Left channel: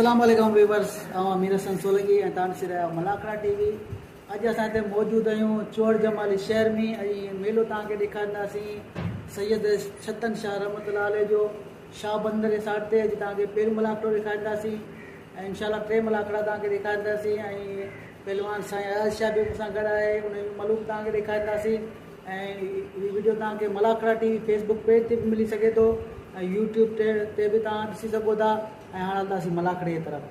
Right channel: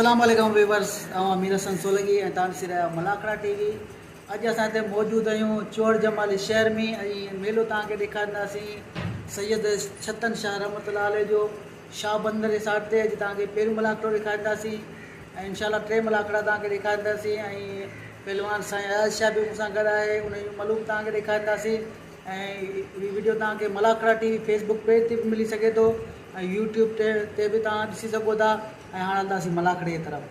अस्सलाम वालेकुम व्यूवर्स अमीर हसन सोलंकी ऐं तव्हां ॾिसी रहिया मलाखड़ा टीवी। अॼु असां हिते मौजूदु आहियूं चोर जमाली शहर में ऐं मेलो तव्हांखे ॾेखारींदासीं सैयद छतन शाह रहमतुल्लाह अलैह जो शाह बंदर जे साइड ते। अॼु तव्हांखे पहिरियों मलाखड़ो ॾेखारींदासीं ऐं इंशाल्लाह टे मलाखड़ा तव्हांखे ॾेखारींदासीं ऐं पहलवान साईं अयाज़ शाह बि मूंसां गॾु आहे, उन जो मलूम तव्हांखे ॾेखारींदासीं। ऐं हीअ वीडियो तव्हांखे मलाखड़ा टीवी फेसबुक पेज ते बि मिली सघे थो ऐं यूट्यूब ते बि तव्हां ॾिसी सघो था। ऐं हाणे हलंदासीं मलाखड़े जी तरफ़।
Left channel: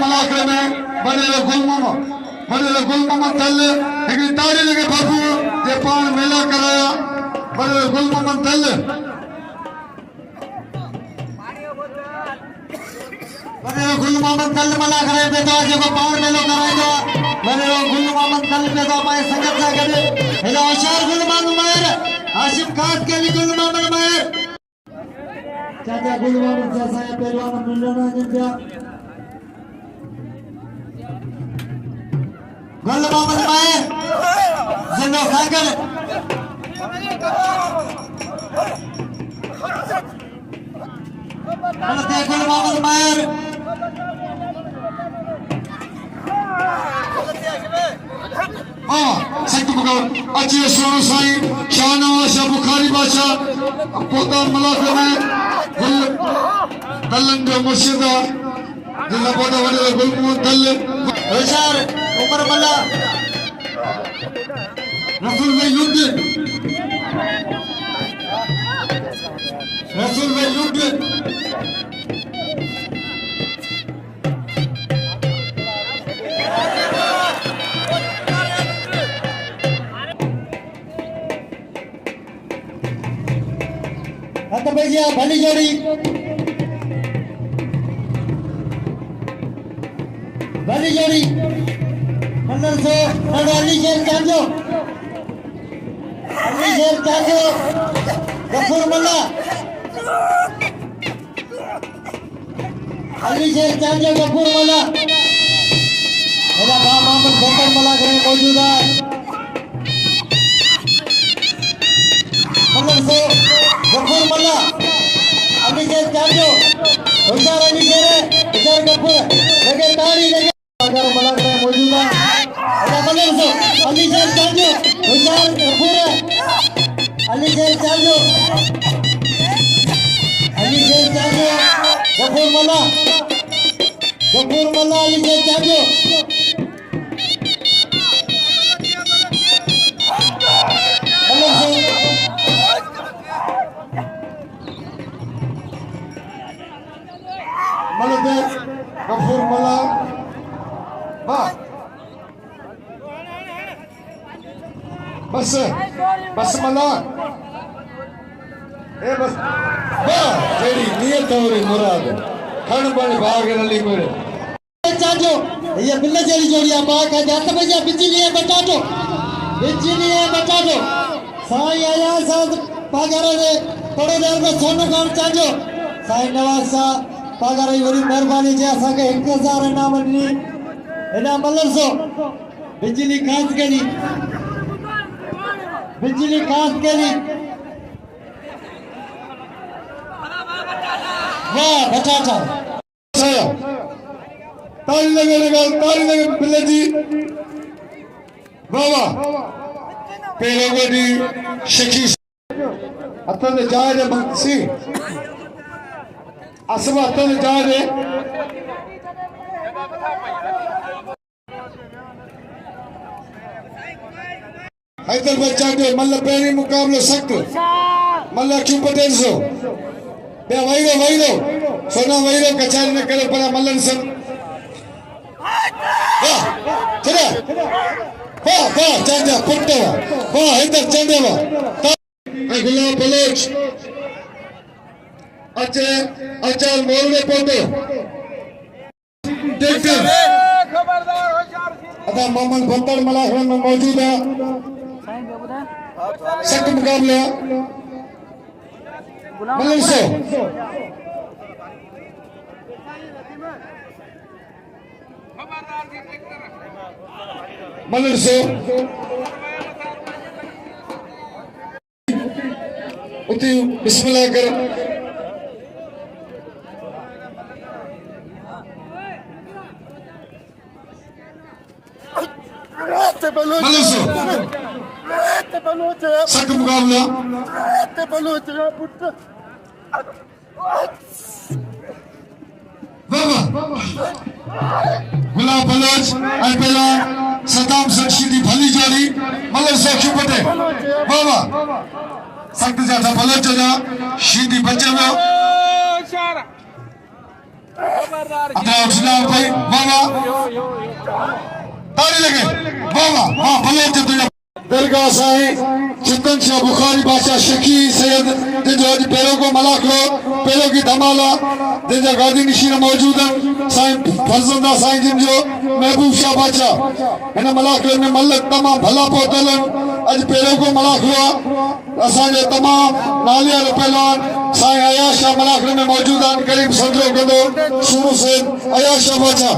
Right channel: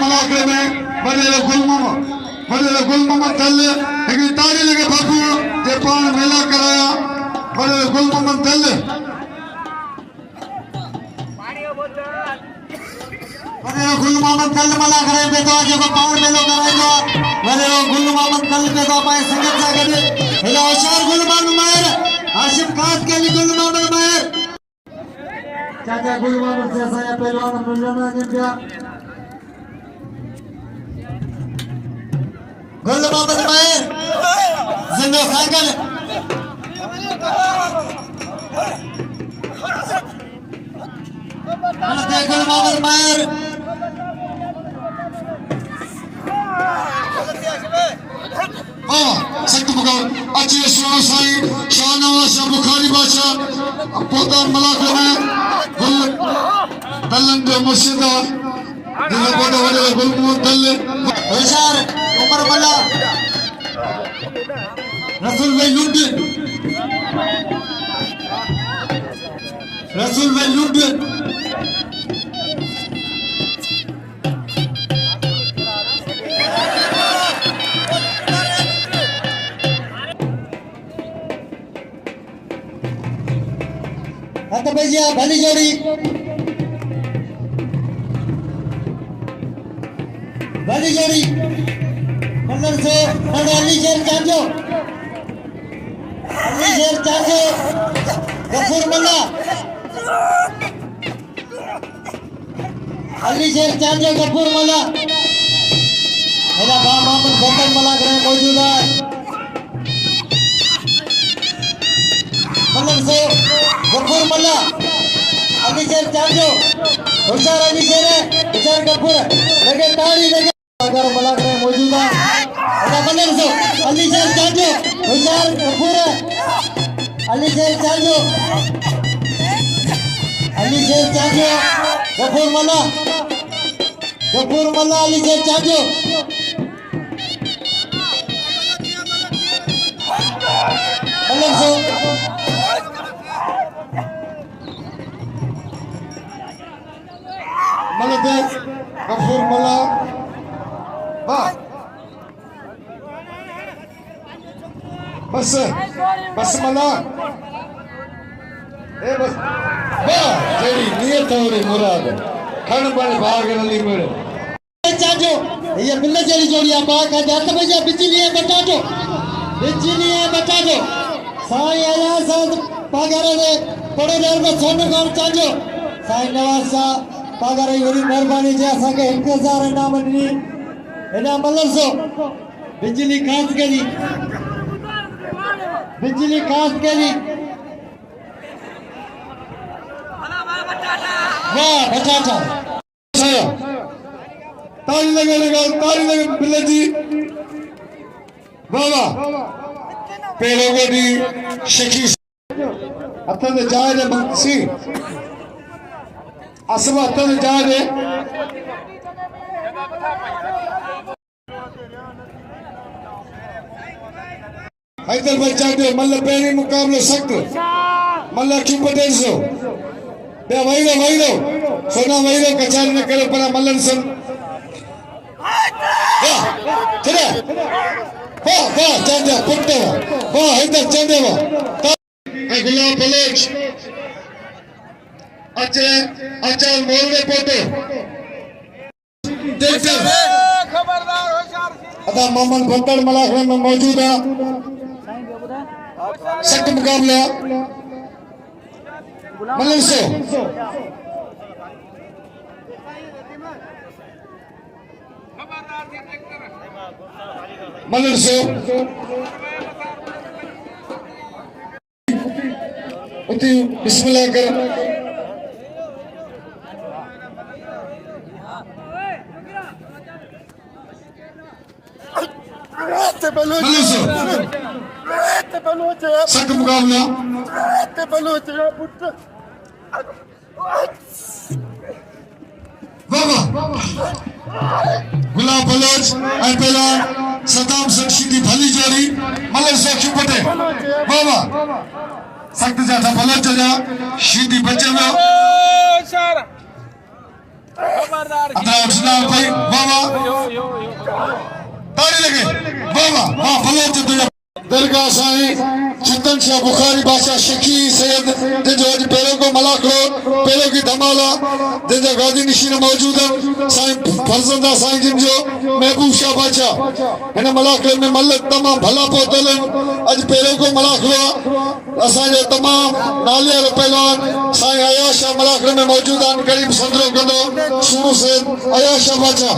मलाखड़े में बड़े गुल मोहम्मद तल हिकड़ी ताड़ी लगे भरपूर जे पान मेला कराया बड़े गुल मोहम्मद तल मलाखड़े पे तो जो पान मेला कराया बड़े गुल मोहम्मद तल पे तो पाए संगत से गडे हेलो अशर गुल मोहम्मद मायर आशिफ खास के भी गुल मोहम्मद मायर चाचा गुल मोहम्मद से saya पहलवान मुल्लाना जिंदा गुल मोहम्मद मायर जिंदा सागर गुल मोहम्मद मायर सख्त मुकाबला अच्छे सुनो साईं शाहनवाज शाह बुखारी बादशाह पोता मलाखड़े तलन जो मुर्शिद जिले बड़े बड़े गुलमोहम्मद तल बेचार उमर मल्ला रसूल वैलुद्दीन भैया भली जोड़ी मंडल से अली शेर चांजो गफूर मल्ला अली शेर चांजो गफूर मल्ला मेरा बा मोहम्मद बकर मलाखड़े में मौजूद है। मंडल से गफूर मल्ला अली शेर चांजो होशियार अली शेर है होशियार गफूर लगे ताड़ी लगे अगर मलाखड़े मौजूद है मंडल से अली शेर चांजो होशियार गफूर है अली शेर चांजो गफूर मल्ला अली शेर चांजो मंडल से गफूर मल्ला बस मल्ला ए बस तेरी नियत और मुराद खन बड़े भाग नली मेरे चाचो ये बिल्ले जेरी जोड़िया बाग का जात भैया बिजली है बता दो साईं अयाज़ साहब पागारे दे थोड़े देर में सोनू गांव चाचो साईं नवाज साहब पागारे बड़ी मेहरबानी जे असा के 1000 इनाम दी एना मल्लर सो बिजली कांस के जी वाह बटाटा ताली लगे बिल्ले जी वाह पहले गोडी शकी अतन जाए दे मक्सी असवा अतन जाए दे हैदर बच्चा दे मल्ल पहली मुकाबले सख्त मल्ल क्यों पटेल सो बे वहीरो सोना वहीरो कचारी न करे पर मल्लन सन चले वाह चंदा पुट्टे वाह हैदर चंदे वाह अगला प्लेज अच्छा मोल में पोते देखते खबरदार होशियार अदा मोहम्मद बंदर मलाखड़ा में मौजूद है सख्त मुकाबला मल्लर से उती बिस्मिल्लाह कर मलिक सो सख्त मुकाबला गुलाब बलोच ऐं पहला सदाम सरशीदी भली जोड़ी मलिक सो क्यों पटे बाबा सख्त ज्यादा बलोच जा शीदी बचे वियो अदरा उठना भाई बाबा ताड़ी लगे बाबा हाँ बलोच तुझा दरगाह साईं चिकन शाह बुखारी बादशाह शकी सैयद जिन अॼु पहिरियों को मलाक हो पहिरियों की धमाला जिन गादी निशीन मौजूद आहिनि साईं फर्ज़ंदा साईं जिन जो महबूब शाह बादशाह हिन मलाक में मलक तमामु भला पहुतल आहिनि अॼु पहिरियों को मलाक हुआ असांजे तमामु नाले वारो पहलवान साईं अयाश शाह मलाक में मौजूद आहिनि करीब संदरो कंदो सूरो सैयद अयाश शाह बादशाह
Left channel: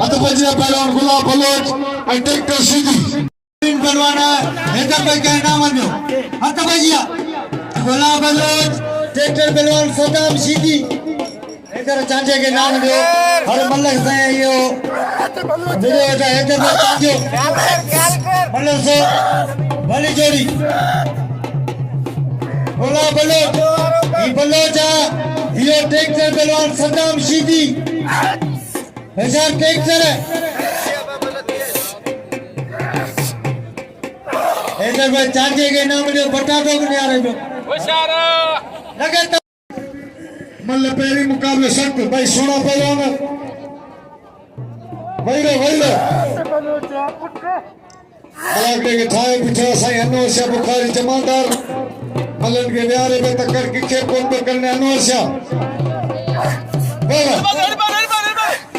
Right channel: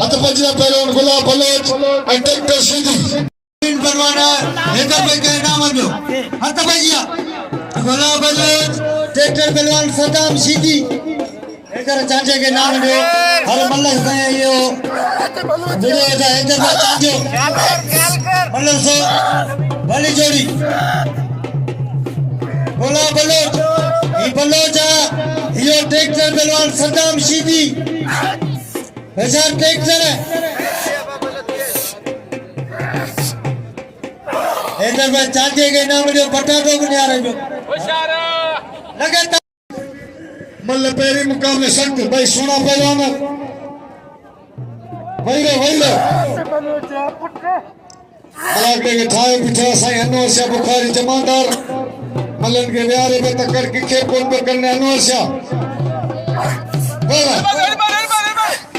हथ पंजा पहलवान गुलाब बलोच ऐं ट्रैक्टर सीधी पहलवान ₹1000 का इनाम दो हथ भजिया गुलाब बलोच ट्रैक्टर पहलवान सदाम सीधी एकर चांचे के नाम दो हर मल्लक से यो वीडियो जा ₹1000 चांचो मल्लक से भली जोड़ी गुलाब बलोच ये बलोच यो ट्रैक्टर पहलवान सदाम सीधी हजार ट्रैक्टर है इधर में चांचे के नाम जो पटाखो भी आ रहे हो मल्ल पेरी मुकाबले सख्त भाई सोना पहलवान वही लो के ठाए बिठा साईं अनवर शाह बुखारी जमादार मल्लन के व्यारे पे तकड़ किचे कोन पे करने अनवर शाह वाह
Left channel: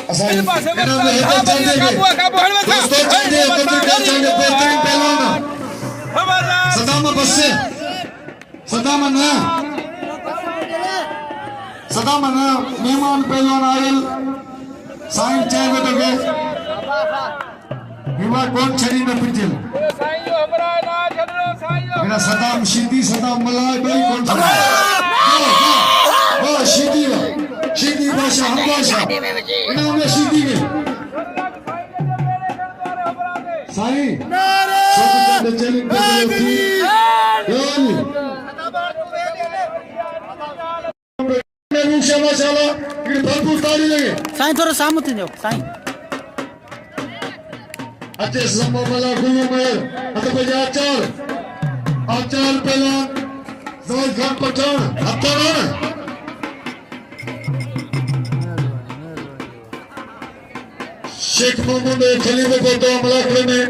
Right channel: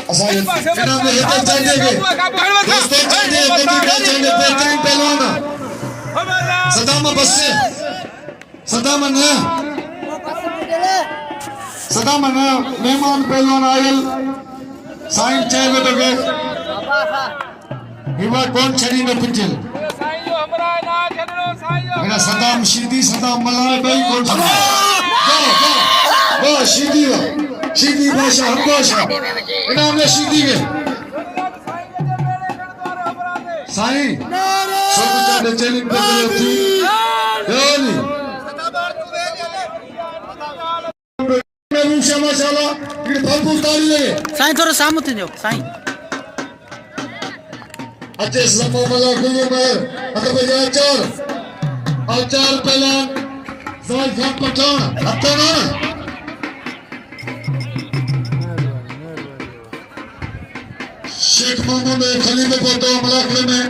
असा ये इन्हों में एक चांचे के दोस्तों चांचे को भी चांचे बेहतरीन पहलवान सदाम बस्से सदाम ना मेहमान पहलवान आयल साईं चाय बेटे के हिमा कौन छड़ी न पिटल मेरा सदाम शीदी सदाम मलाना बेई कौन छड़ा ओ शीदी बादशाह हम बादशाह इनाम में शीदी के साईं सब चैलेंज पे थी साईं थोड़ा सामने थे जो साईं अच्छे समय वाला गुरु मेर मतलब ये आचार पहला जोर घर पठाओ हत्या ना शेख मोहम्मद खलीफे को तो मलाकले में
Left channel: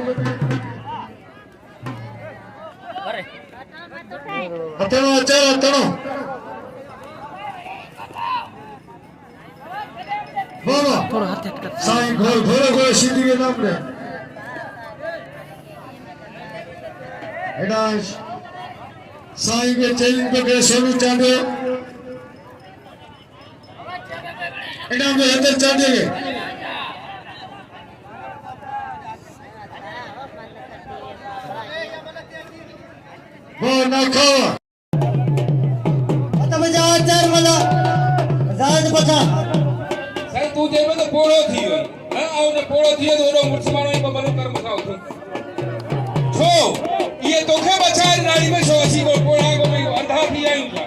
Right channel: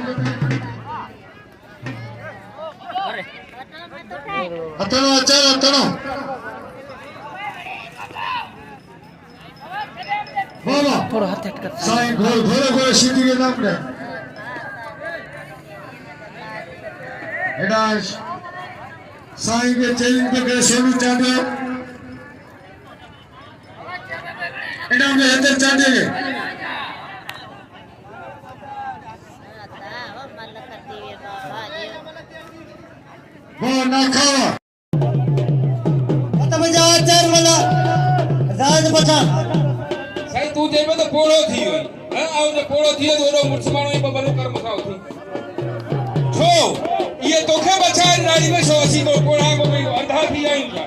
हत्या आचार थोड़ा हाथ हट कर साईं घोड़े सीधी के नाम दे एडा साईं के चैलेंज पे के सोनू चांदे एडा में हेदर चांदे के वो ना खाओ आता बजा चार वाला राज पठान साईं तू जेबे तो पोड़ो थी हुई हां आओ जो पोड़ो थी तो ओरो मुसलमानो ही बबलो कर मुसाउ थी छो ये तोखे बचाए रानी में छो असी को पोड़ा को में अंधा थी आयूंगा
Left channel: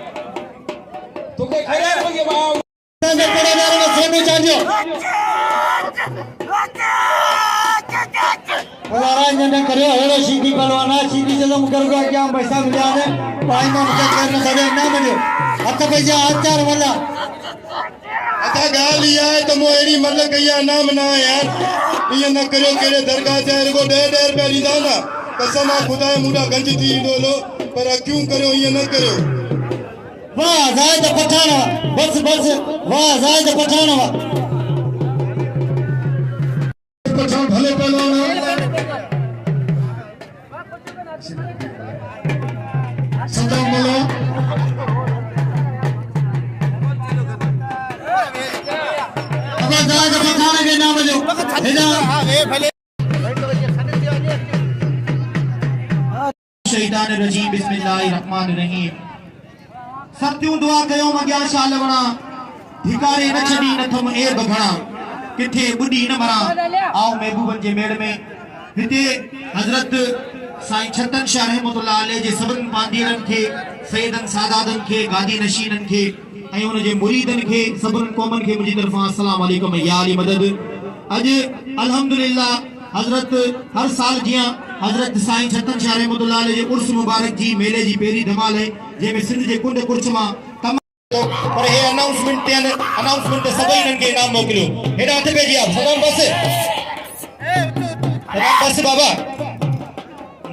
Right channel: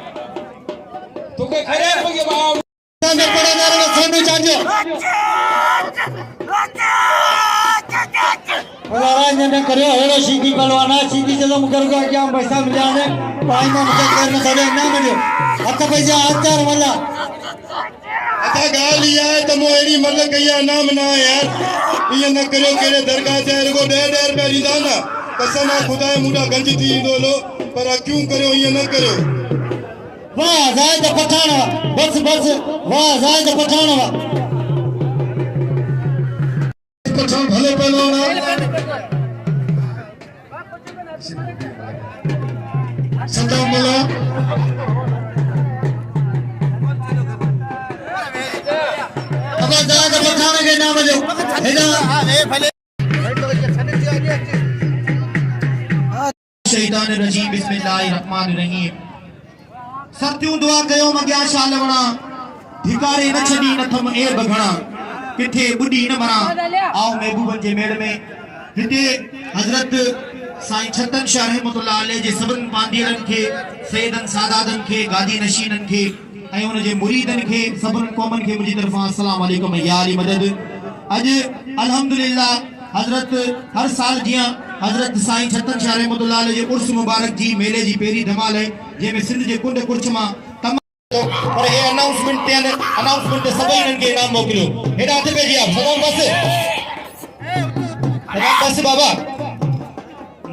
तोखे खरे को के बाव ताने पोड़ा मारो सोनू चांजो राज ने करियो हेड़ो सीधी पहलवाना सीधी जदो मुकर को क्या पैसा मिला ने भाई ना मुके करने सदे ना मिलो हथ पैसा आचार वाला अता गाल ही है तो मोहरी मल्लक या नाम ना यार ये न करो केरे दरगाह से को ₹1.5 रुपया लीदा ना कसम खुदा मुडा गंज थी दोलो पर क्यों करो ये न करो वाह जायद पठाना बस वाह जायद पठाना पठान भले पहलवान सदा मला अब जायद पठाना के नाम जो हेदा भले शैतान रजीम बिस्मिल्लाहिर्रहमानिर्रहीम सत्यूं दुआ कयो मगिया शाल वणा धिकारे न छडी न थम ए बघणा किथे बुडी न मरा आओ महबूबन जे मेड़ में हिते हज़रत साईं छतन शाह रहमतुल्लाह अलैह जे सभिनी पांडीअड़नि खे सैयदन सादातनि खे गादी नशीननि खे ऐं उन जे मुरीदनि खे सभिनी क़ौमनि खे मुंहिंजी तरफ़ां अस्सलाम वालेकुम या अली मदद। अॼु अल्हम्दुलिल्लाह हज़रत हर साल जीअं हज़रत साईं छतन शाह रहमतुल्लाह अलैह जे उर्स मुबारक जी मेले जी पहिरीं धमाल आहे जंहिंमें सिंध जे कुंड कुर्छ मां पर ये अनाउंसमेंट पे अनाउंसमेंट पे सभी इनके नाम मोकिलियो हेडा हथ पे जी आप सदाम बस बाबा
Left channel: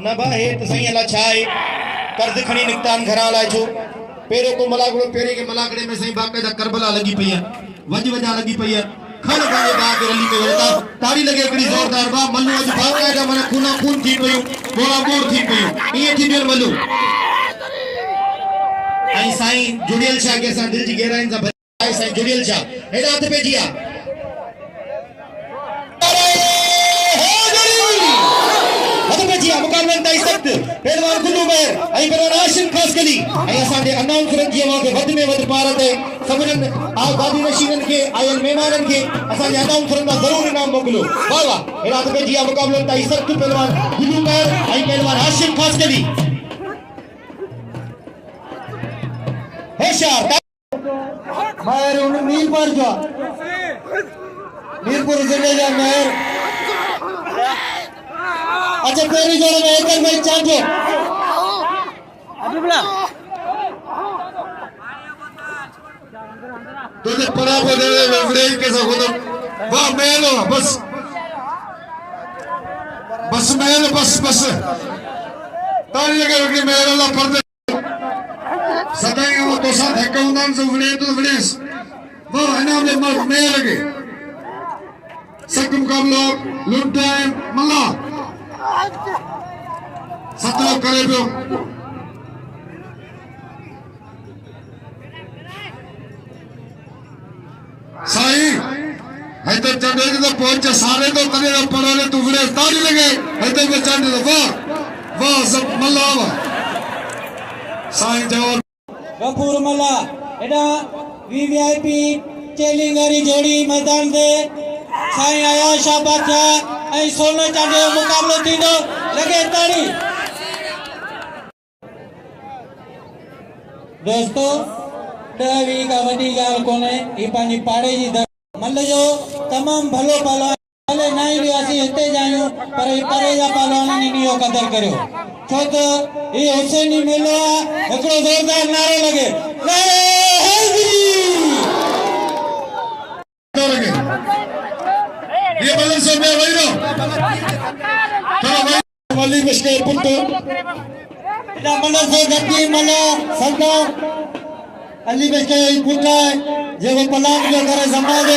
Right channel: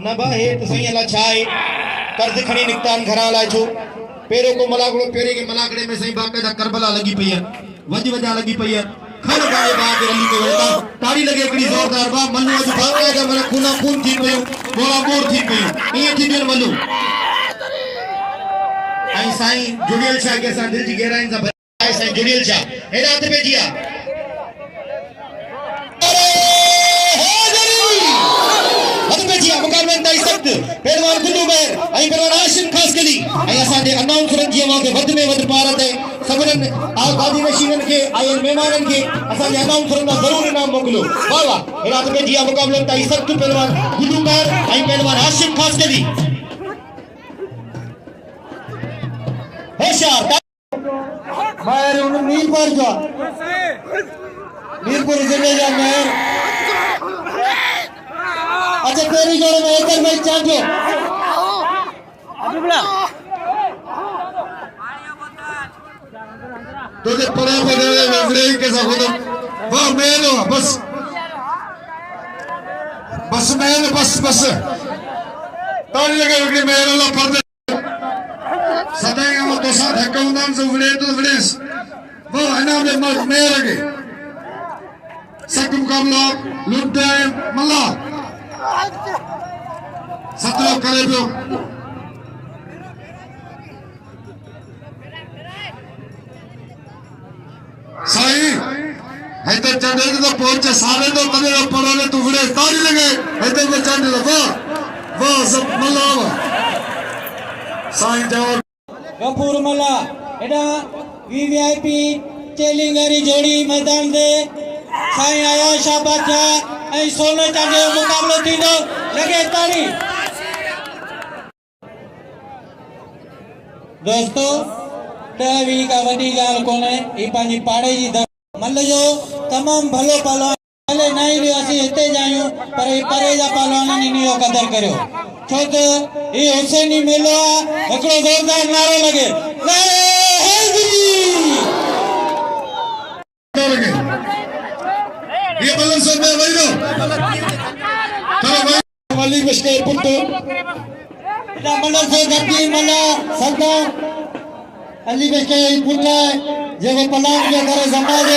न बा हे तो सही अला छाए कर्ज खणी निकतान घरा ला छो पेरो को मलागड़ो पेरे के मलागड़े में सही बाकायदा करबला लगी पई है वज वजा लगी पई है खल गाए बात रली में होता ताड़ी लगे एकड़ी जोरदार बा मन्नो अज बाकायदा मन खूना खून थी पयो बोला बोर थी पयो ये थी देर मल्लो आई साईं जुड़ियल शाह के साथ दिल जी गहराई से भरे साईं जुड़ियल शाह हेडा हथ पे जिया हथ पे जिया मुकाबले ताई सख्त पहलवान गुल्लू बैर आई पहलवान आशिम खास कली आई असा दे अनाउंसमेंट जी ना के वध में वध पारत सबन आ गादी नशीनन के आयल मेहमानन के असा दे अनाउंसमेंट में जरूर इनाम मोकलो वाह वाह हेडा हथ पे जिया मुकाबले ताई सख्त पहलवान गुल्लू बैर आई पहलवान आशिम खास कली महर मीरपुर जा मीरपुर जिले जा महर अच्छा तेरी जोड़े में एक में चांटे तो जो पड़ा बदले वगड़े कैसा होता वाह मेलो बस बस मेलो बस ताली लगे वगड़े मेलो ला पर्दे सदाएं तो साथ हक्काउंदान से वड़े तो वड़ेस वो है ना अपने मर्द में लगे सख्त मुकाबला लुंटे मल्ला सत्रो करे पियो साईं है तो चंदे तो पहुंचे सारे तो तने तो पड़ोले तो वड़े ताली लगे है तो में चंदे तो वाह सब मल्ला साईं जवान गफूर मल्ला एडा वीवीआईपी चैलेंजरी जोड़ी मैदान दे साईं आया शाबाश ऐं सोने चांदी जो मुकाबलो थींदो लगे ताड़ी दोस्तों वी का वॾी ॻाल्हि कोन्हे ही पंहिंजी पाड़े जी मल्ल जो तमामु भलो पहलवान भले न ई असीं हिते जा आहियूं पर ही परे जा पहलवाननि इन जो क़दर करियो छो त ही हुसैनी मेलो आहे हिकिड़ो ज़ोरदार नारो लॻे वली मुश्किल पुट मन से गद्दी मन सरदार अली बेटे पुट जेको पलाक जो करे समाज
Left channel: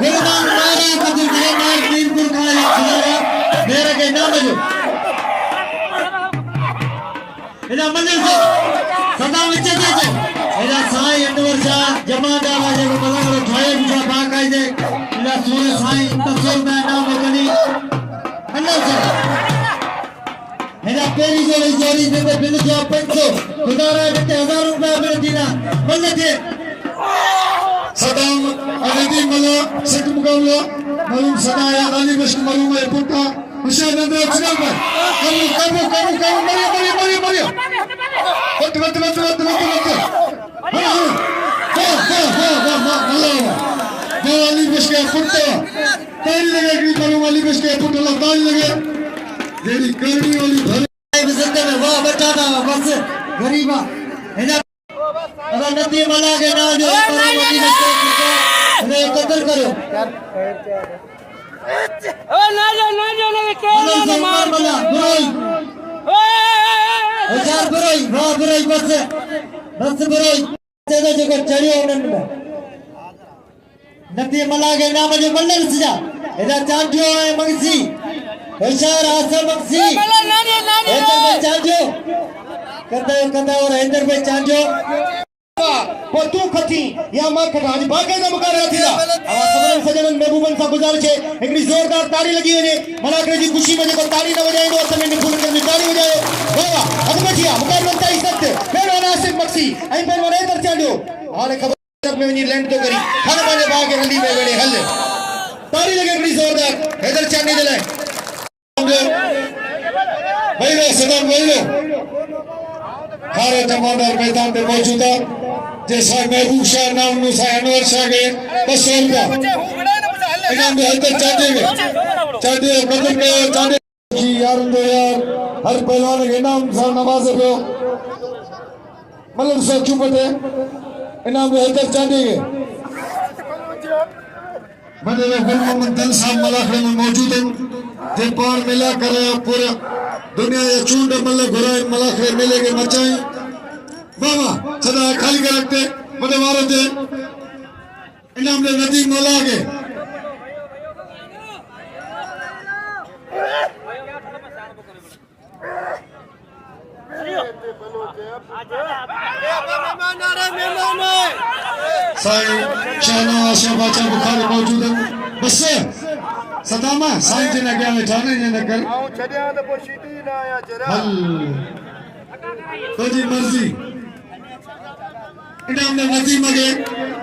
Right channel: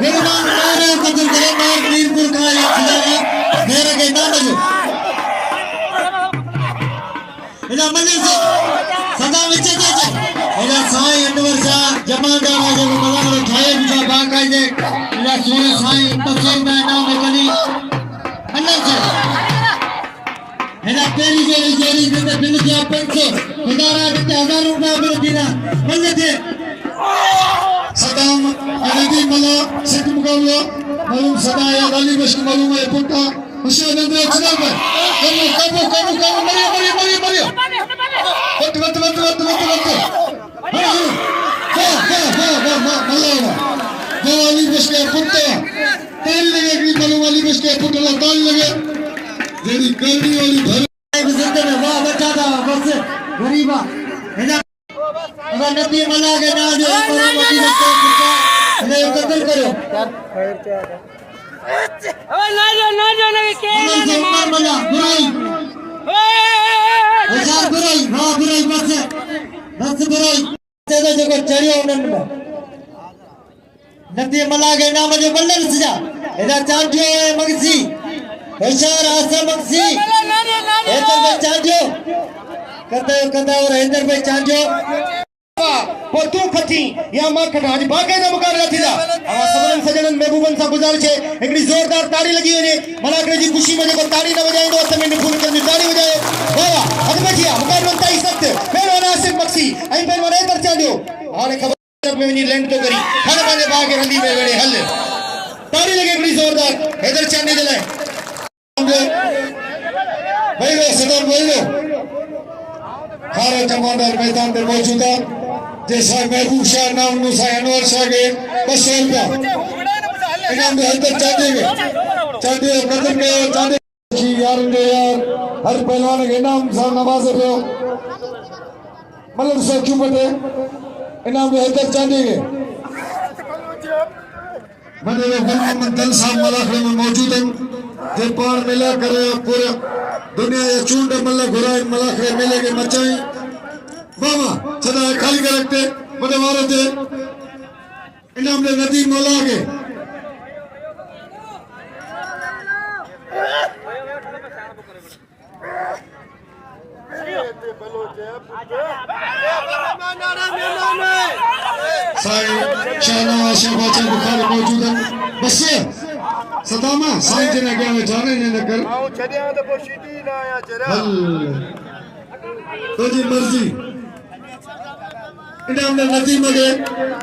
गुरबान मारे कबूल करे मार मीरपुर का या खिलाया मेरे के नाम लगे इना मन से सदा विच दे इना साईं अंदर सा जमादार जो मलाक ठाए जो बाकायदे इना सोने साईं तफसील में नाम कनी अल्लाह से हेना पेरी जोड़ी देते बिल जा 500 खुदारा देते 1000 रुपया मिल दिना मन दे सदाम अगदी मला सत मुकाबला मालूम सदाया अली बश्क मालूम है पुटा हुसैन अंदर चला गया कम मरियो वाह अली बश्क पुटा ताली लगे मालूम अली बश्क पुटा ताली लगे जेडी करनी वाली भर जिंदगी में वाह बचा था बस गरीबा है अगर नदी मला के ना जो मदी बच्चे पुटा अरे कदर करो ओ ना जो के ना मार मला बुराई हजार बुराई वाह बुराई बस बुराई तेरे जो चढ़ियो उन्हें नदी मला के नाम जो बल्लम सजा एदा चांटियो है मगसी होशियार आसम मगसी हैदर भाई चांटियो कंदा और हैदर भाई चांटियो वो तू खती या मां खटानी बाकायदा मुकाबला थीला आवा सबरन सजनन महबूबन सा गुजारिश है एकड़ी जोरदार ताड़ी लगी वने मलाकड़े जी खुशी में जेको ताड़ी न बजाए तो समय में फूल कर ताड़ी बजायो वाह वाह हद बैठिया मुकाबला ताई सख्त फेरो नासिर मक्सी आई पे वने तर चांडियो हाले खबर में वनी लैंड तो करी हर बाले बागे हल्दी में वेड़े हल ताड़ी लगे एकड़ी जोरदार हैदर चांडी दे वही सदन वही भारत जमादार मैदान में मौजूद है जैसा महबूब शाह नाम नुसा अनवर शाह के 200 रुपया इनाम में हर तक चाहते मदद में चाहते यार हर पहलवान के इनाम सा नवाजे पे मतलब से क्यों बटे इनाम में हर तक चाहते बड़े फलमान कल साहब मलाखड़े में मौजूद हैं जे पार मिला करे पूरे दुनिया या चूंड मल्ला घुराए मलाखड़े मेले के मचाए बाबा सदा खाली कर रखते बड़े वाले थे इनाम में नदी मला के साईं शाहनवाज आशा बाचा बुखारी मौजूद है बस सदामा साईं जन अॻियां वेठा आहिनि इन करे आऊं छॾियां त पोइ सीटी न आया जरा तुंहिंजी मर्ज़ी इनाम में नदीम के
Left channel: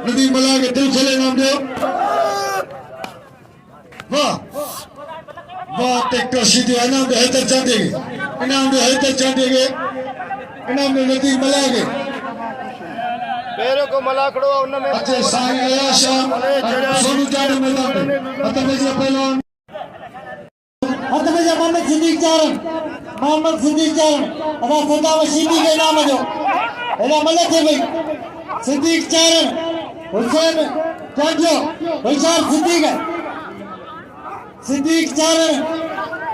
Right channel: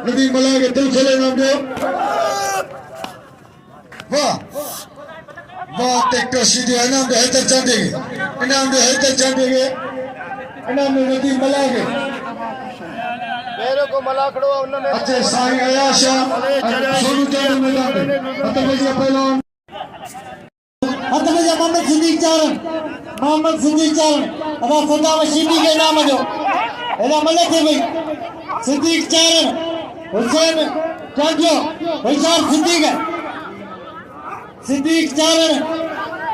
नदीम मला के दिल चले इनाम दे वाह वाह ट्रैक्टर सीधी इनाम दे हैदर चंदेगे इनाम दे हैदर चंदेगे इनाम में नदीम मला के मेरे को मलाखड़ो उन्होंने अच्छे साईं अयाशा सोनू चारण मैदान में अतबजा पहलवान अतबजा मोहम्मद सिद्दीक चारण अदा सदाम सिद्दीक के नाम जो एला मलक है भाई सिद्दीक चारण हुसैन चांजो होशियार सिद्दीक चारण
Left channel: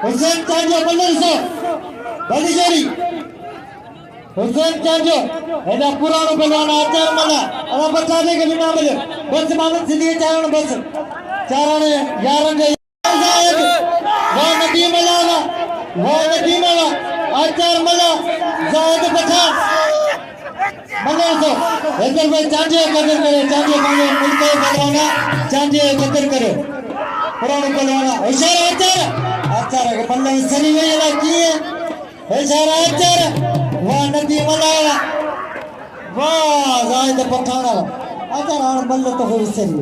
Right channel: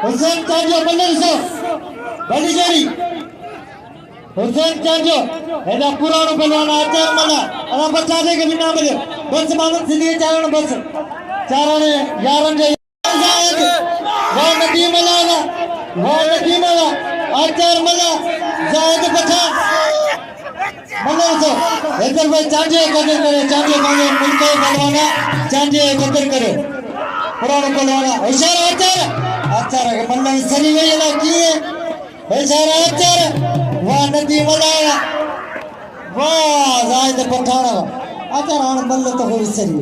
हुसैन चांजो मल्लर सो बड़ी जोड़ी हुसैन चांजो एदा पुरानो पहलवान आचार मला अदा बचा दे के बिना मिले बस मोहम्मद सिद्दीक चारण बस चारण यारन जो वो नदी मला आचार मला जायद पछा मल्लर सो इधर भाई चांजो कदर करे चांजो मानो मुल्क पहलवाना चांजो कदर करे पुरानो पहलवाना होशियार आचार के मल्लर सनी वेला की होशियार आचार वाह नदी मलाया वाह जायद पठाना आचार आन मल्ल तो हो सरी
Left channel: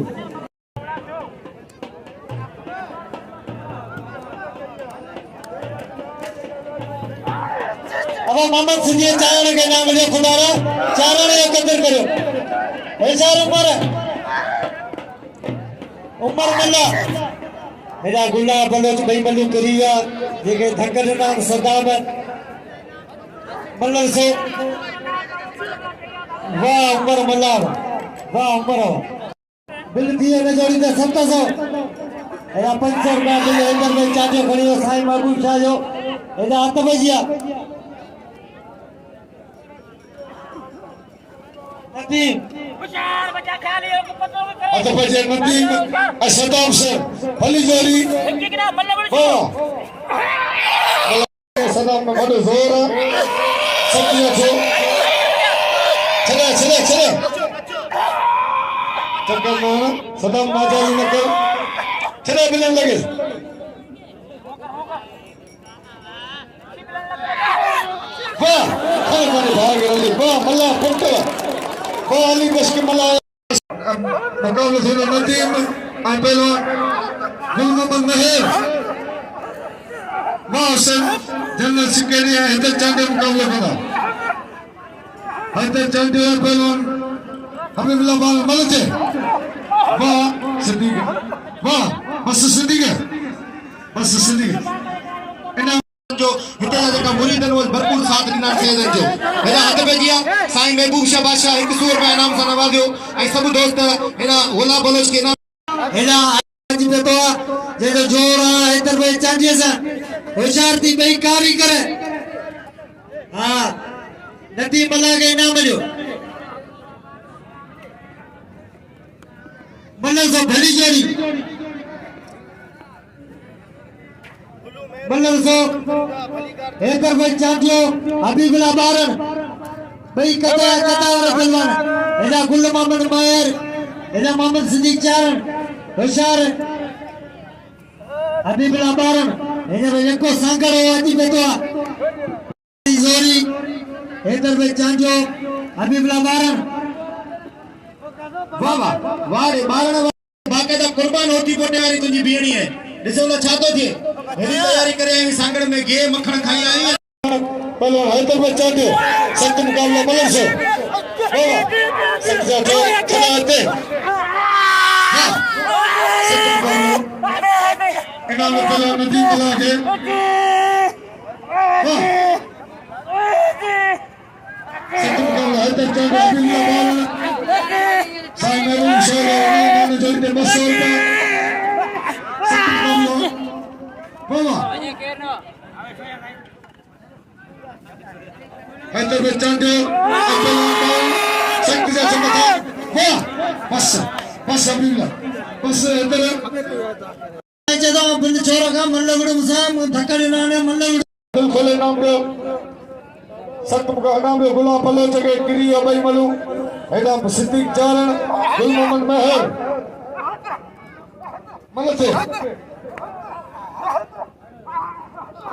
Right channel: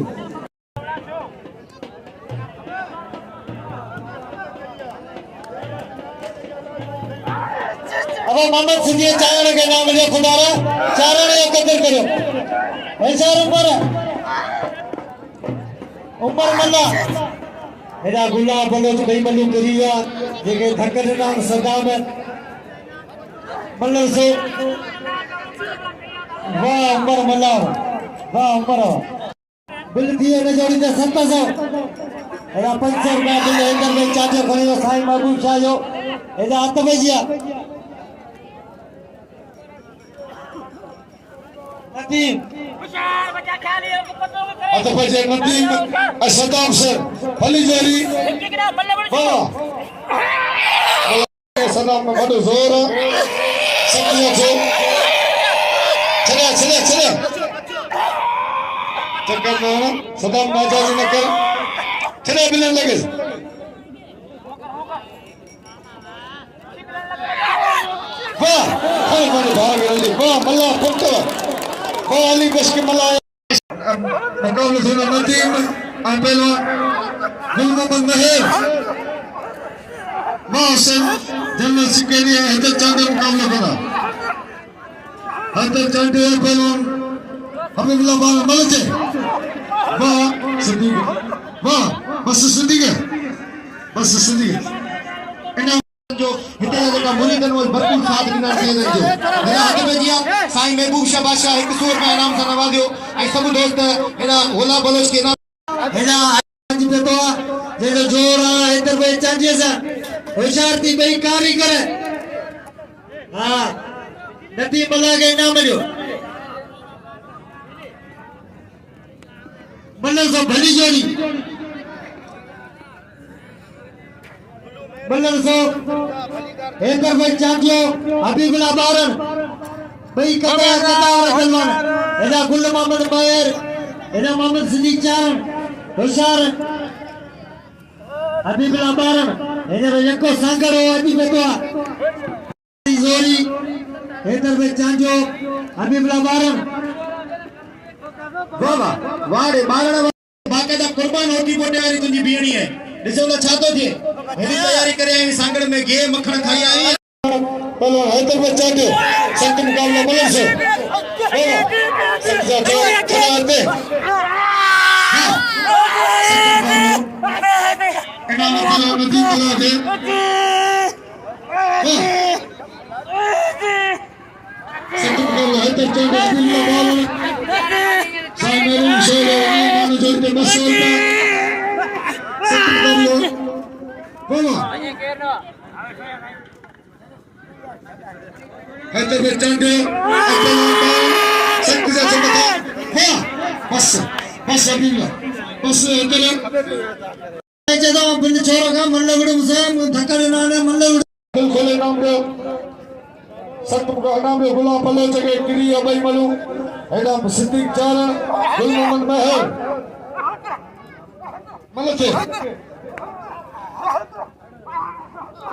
अब मोहम्मद सिद्दीक चारण के नाम जो खुदारा चारण एकत्र करो होशियार उमर मल्ला मेरा गुलाब बलोच भाई बलू करीगा जेके धक्कर नाम सदाम मल्लर से वाह उमर मल्ला वाह उमर बिल दिए में जोड़ी दे 700 एदा 500 रुपया बिल अंदर में चाचो खड़ी हो साईं महबूब शाह जो एदा अतबजिया नदीम अतबजिया नदीम असदाम से फली जोड़ी वाह सदाम में बड़ो जोर सत्य छे चले चक्कर मारो सदाम नाजारी न कर चले बिलन लगे वाह हर मारे भाग रही वाह मल्ला फंटवा वाह अली बस के मल्ला मुकाबले से नदीम पहलवान गुलमोहम्मद महर वाहसन जनरल सिकरिया हैदर चांदे मुकाबला करा हैदर चांदे पहलवान हबीबुल्लाह बाबा मलते वाह सिद्दीक वाह बस सिद्दीक इना जो हिता वटा मुरीदन वल भरपूर साथ ॾिना थिए जो मेरा हथ पे दिया साईं महबूब शाह बादशाह 100 रुपया इनाम सां नवाज़ियो ऐं सभु दोस्त हेड़ा होला बलोच के हेड़ा जिते तो जेको जोर आहे इधर भाई चांदीअ सां होशियार थी पई कारी करे हां नदी मला के इनाम ॾियो मल्लर से भली जोड़ी मल्लर से इधर भाई चांदियो हबीबुल्लाह बारन भाई कता पहलवान एदा गुल मोहम्मद महर एदा मोहम्मद सिद्दीक चारण होशियार हबीबुल्लाह बारन एदा यको संगर आदि बेटा जोरी इधर भाई चांदियो हबीबुल्लाह बारन बाबा वारे मारण बाकायदा कुर्बान होती बोटे वाली तुझी बीहणी है ॾिसो न छा थो थिए हेॾी तयारी करे आई सांगड़ में घे मखण खाई आई पहलवान हैदराबाद चाटे सख्त मुकाबला मलक से हैदराबाद चाटे शक्ति से चमका बस बस अभी बस इधर जदा बिंद छोरगा मल्लगुड़ मुसा धक्कड़ी नाने मल्लगुड़ बिल्कुल नाम पे सत्तम का नाम पे गुलाम पल्ले जगह गिरी अबई मलू हैदा सिद्दीक चारण गुल मोहम्मद महर मलते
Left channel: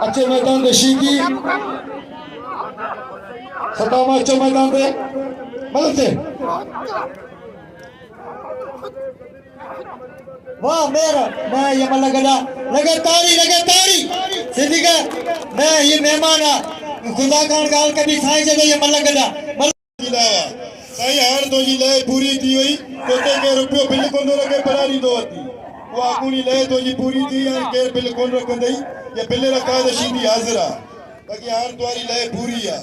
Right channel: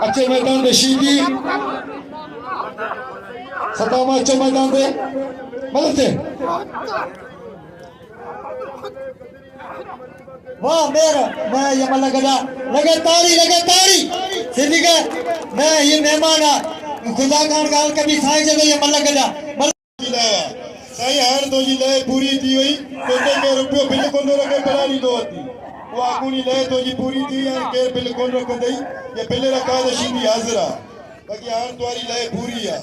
अच्छे मैदान में शीदी सतामा अच्छे मैदान में मलते वाह मेरा मैं ये मल्ला गदा लगे तारी सिद्दीक मैं ये मेहमान खुदा खान गाल कभी साई जगह ये मल्ला गदा जिलाया साई हार दो जी ले पूरी थी हुई कोते के रुपयो बिल्कुल न रखे बरारी दो थी वो आगुनी ले दो जी पूरी थी और के बिल्कुल रख दई ये बिल्ले रखा तो शीदी हाजरा बाकी हार द्वारी ले पूरी है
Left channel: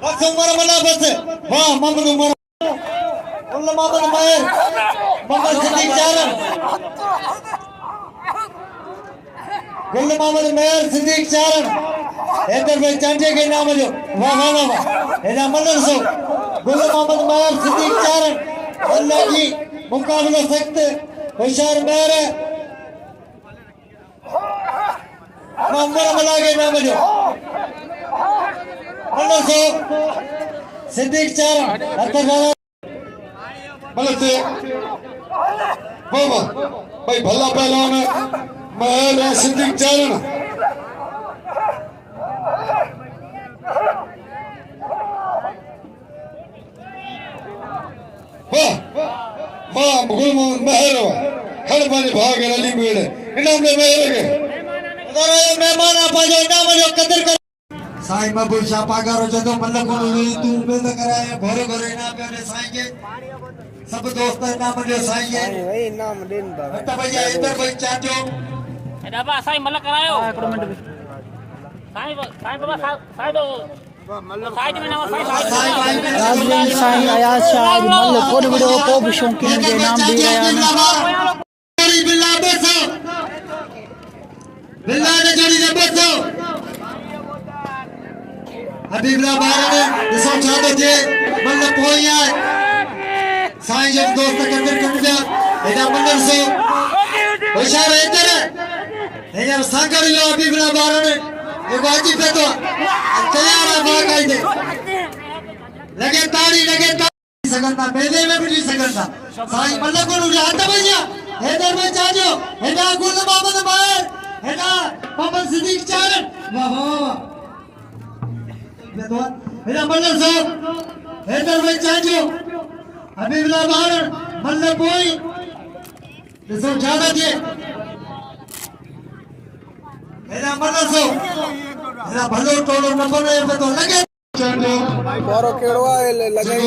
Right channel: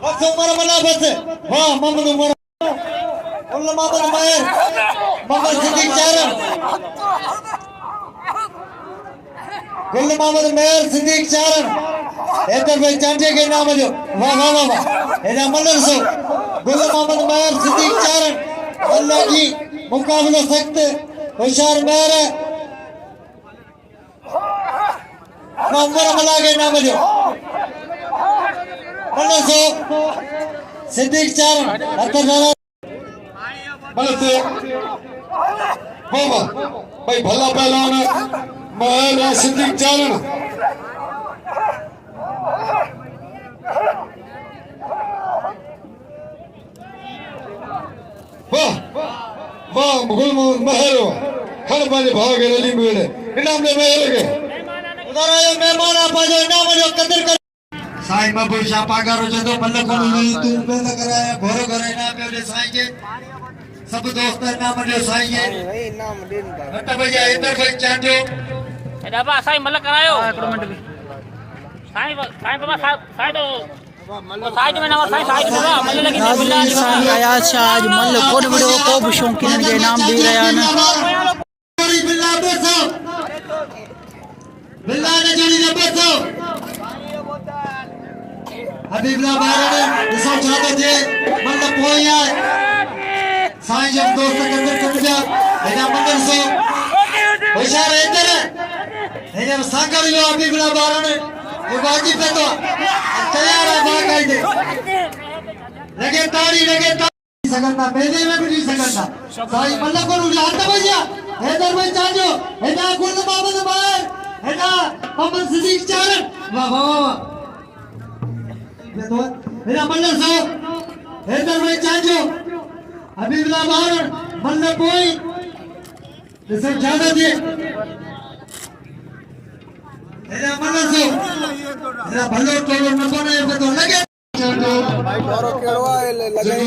बस उमर मना बस वाह मोहम्मद उमर उल्ला मोहम्मद मायर मोहम्मद सिद्दीक चारण गुल मोहम्मद मेयर सिद्दीक चारण हैदराबाद चाटे के नाम जो वाह वाह वाह एदा मदर सो गुल मोहम्मद मेयर सिद्दीक चारण अल्लाह की मुकाबला सख्त होशियार मेयर नंबर मिला के नाम जो मदर सो सिद्दीक चारण हैदराबाद मलते बाबा भाई भला पहलवान महल सिद्दीक चारण वाह वाह गुल महल खल माने भाग रली मेरे इनाम में महल के मेहमान आप जो इनाम जो कदर कर साईं बाबू शापागारो जदो मल्ल को ले तू बेल कराया घरे घरे ना मेरे साईं के सब दोस्त इनाम दे साईं के इनाम देन दा भैया इधर कोई चाटे बाबा साईं मल्ल करायो साईं बाबा साईं नाज़रीन साईं अयाज शाह आज मल्ल कोड विडियो को भी शौकीन के नाम दी रहा है बिल्ला ने जोड़ी ने बसो हबीबला बारे में सब चाहते थे मतलब पोया साईं जब दोस्त के अंदर कट गया बेटा मंदिर से होशियार इधर है सांगर लो हबीबला बारे में ये बाजी पे तो तैयार है भाग गए लगे तारी सकता बेदे में भी सकता साईं मतलब को हाथ भैया हैदर में चाजो हैदर गुल मोहम्मद मायर हैदर मोहम्मद सिद्दीक चारण वाह वाह वाह हैदर मल्ल से हैदर में चाजो हबीबला बार मल्ल कोई तो सब ज्यादा थे हैदर मल्ल से हैदर भलो तोड़ो न बने तो लगे भाई डरो केड़वा लगे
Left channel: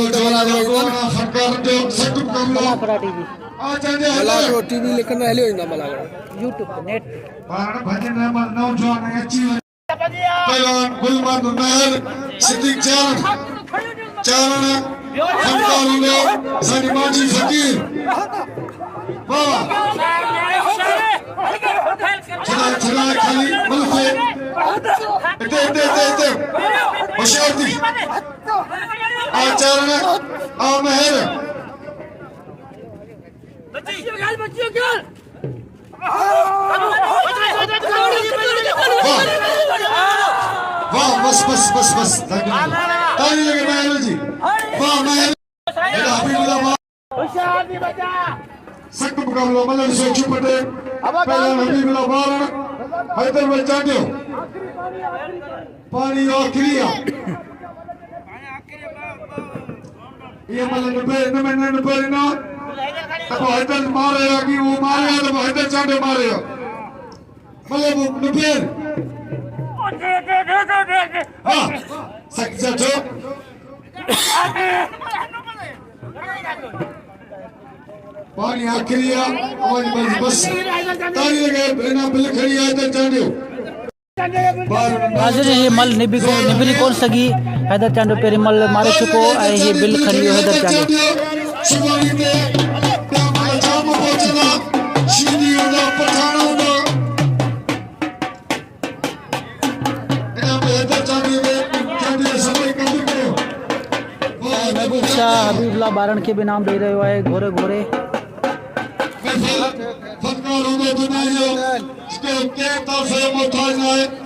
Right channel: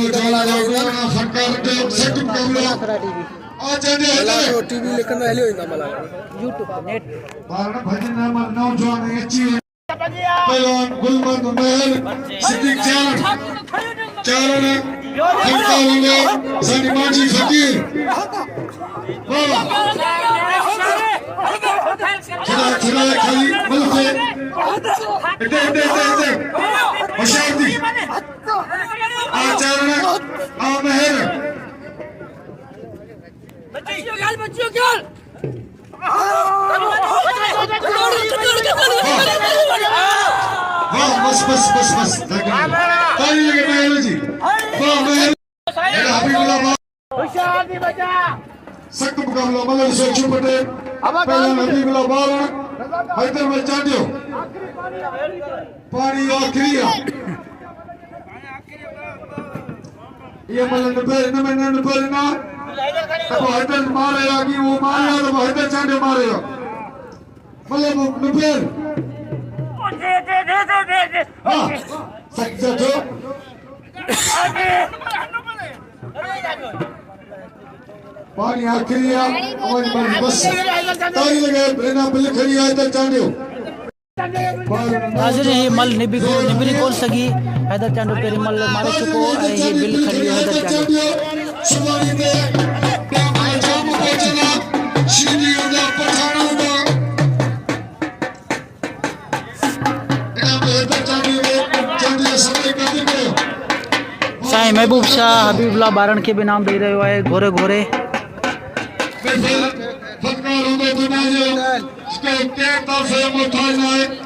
मलाकड़ा टीवी टीवी लेकिन हेली होइंदा मला यूट्यूब नेट भजन नंबर 9 जवान अच्छी पहलवान गुल मोहम्मद महल सिद्दीक चारण हंकारों साडी माजी फकीर वाह चला खाली मिलते इधर होशियार थी आचरण आ महर वाह बस ताली लगे महर जी वाह महर सख्त मुकाबला मल्ल से चुपटे पहलवान हबीबुल्लाह बारण हैदराबाद चाटियो पानी आखिरी ये मल्ल नंबर ना तब हैदर मारेगा कि वो मारेगा तो हैदर चाटे मारेगा मल्ल नंबर हाँ सक्सेस हो पानी आखिरी है और बस ताली लगे बिना बिल खड़ी है तो चांडियो नाज़रीन ये मल निबरी कोन सगी हैदर चांडो पेरी मल मारे चुको ऐं ये बिल खरियो हैदर चांडो साईं महबूब शाह हबीबुल्लाह ॿारनि खे बि इनाम ॾेई रहियो आहे घोरे घोरे फटकार हूंदो दुनिया जो इसके केरु तो से मोहताज न आहे